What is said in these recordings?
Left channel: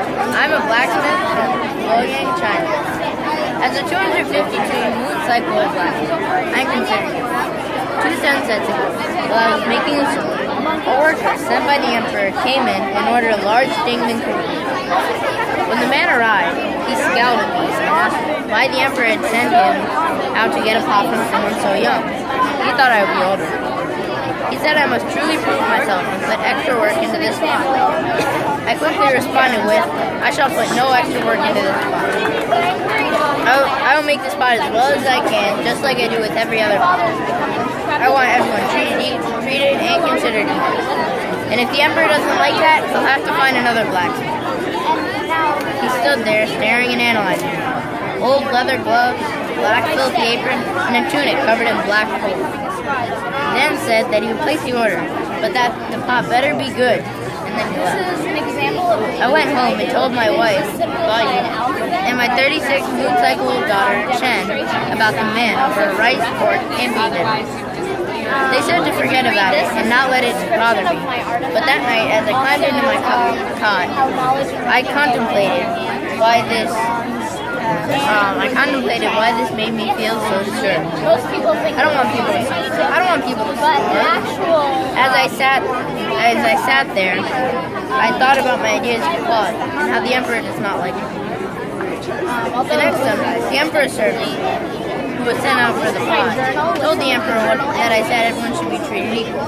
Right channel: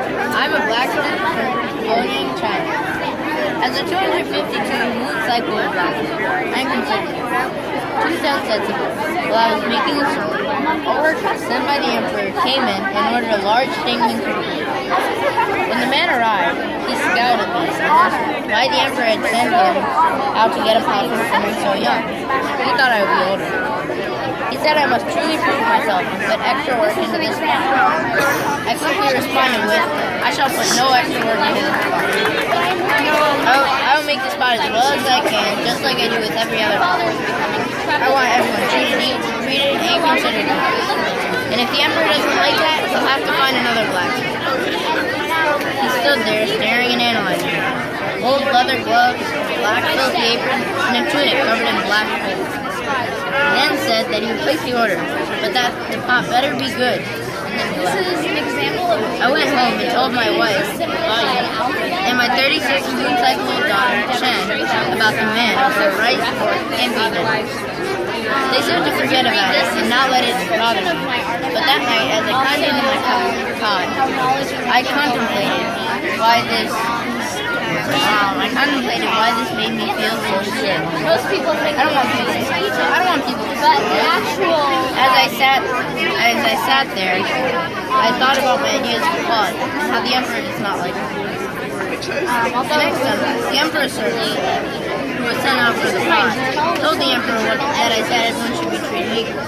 I'm a blacksmith from Pyongyang, China. As a 252-unit cycle of blacksmith, I'm considered 2 sunsets ago, while I was making a sword, a worker sent by the Emperor came in and ordered a large Dingman canoe. When the man arrived, he scowled at me and asked why the Emperor had sent him out to get a pot from someone so young. He thought I would be older. He said I must truly prove myself and put extra work into this pot. I quickly responded with, I shall put no extra work into this pot. I will make this pot as well as I can, just like I do with every other pot. I want everyone treated and considered equal. And if the Emperor doesn't like that, he'll have to find another blacksmith. He stood there, staring and analyzing me. Old leather gloves, black filthy apron, and a tunic covered in black holes. Then said that he would place the order, but that the pot better be good. I went home and told my wife and my 36-cycle-old daughter, Chen, about the man for rice, pork, and beef. They said to forget about it and not let it bother me. But that night, as I climbed into my cot, I contemplated why this made me feel so shit. Most people think I don't want people to but the actual As I sat there, I thought about my ideas of equality and how the Emperor does not like me. The next Sunday, the Emperor's servant, who was sent out for the pot, told the Emperor that I said everyone should be treated equal.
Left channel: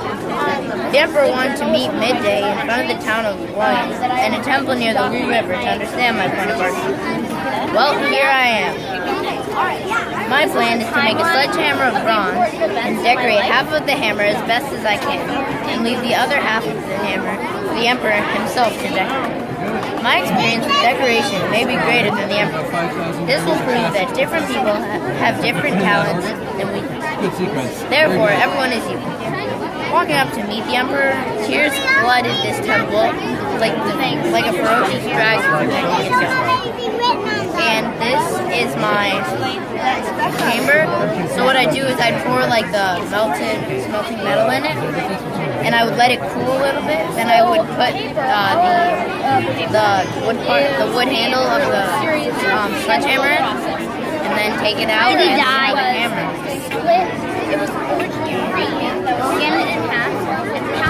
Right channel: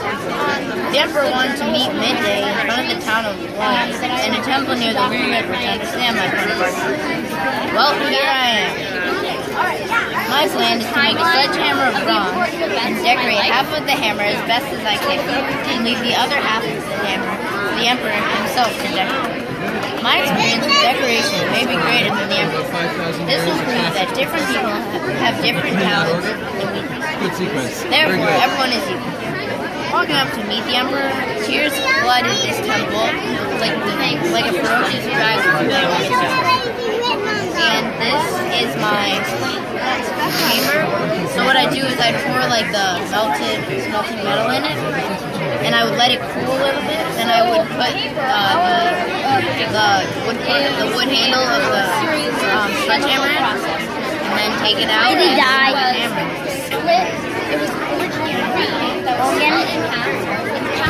The Emperor wanted to meet midday in front of the town of Wuhan and a temple near the Ru River to understand my point of view. Well, here I am. My plan is to make a sledgehammer of bronze and decorate half of the hammer as best as I can, and leave the other half of the hammer for the Emperor himself to decorate. My experience with decoration may be greater than the Emperor's. This will prove that different people have different talents and weaknesses. Therefore, everyone is equal. Walking up to meet the Emperor, tears flooded this temple like a ferocious dragon. And this is my chamber. So what I do is I pour like the melted metal in it, and I would let it cool a little bit. Then I would put the wood handle of the sledgehammer in, and then take it out and hammer.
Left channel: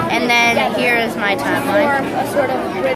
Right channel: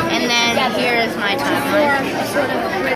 And then here is my timeline.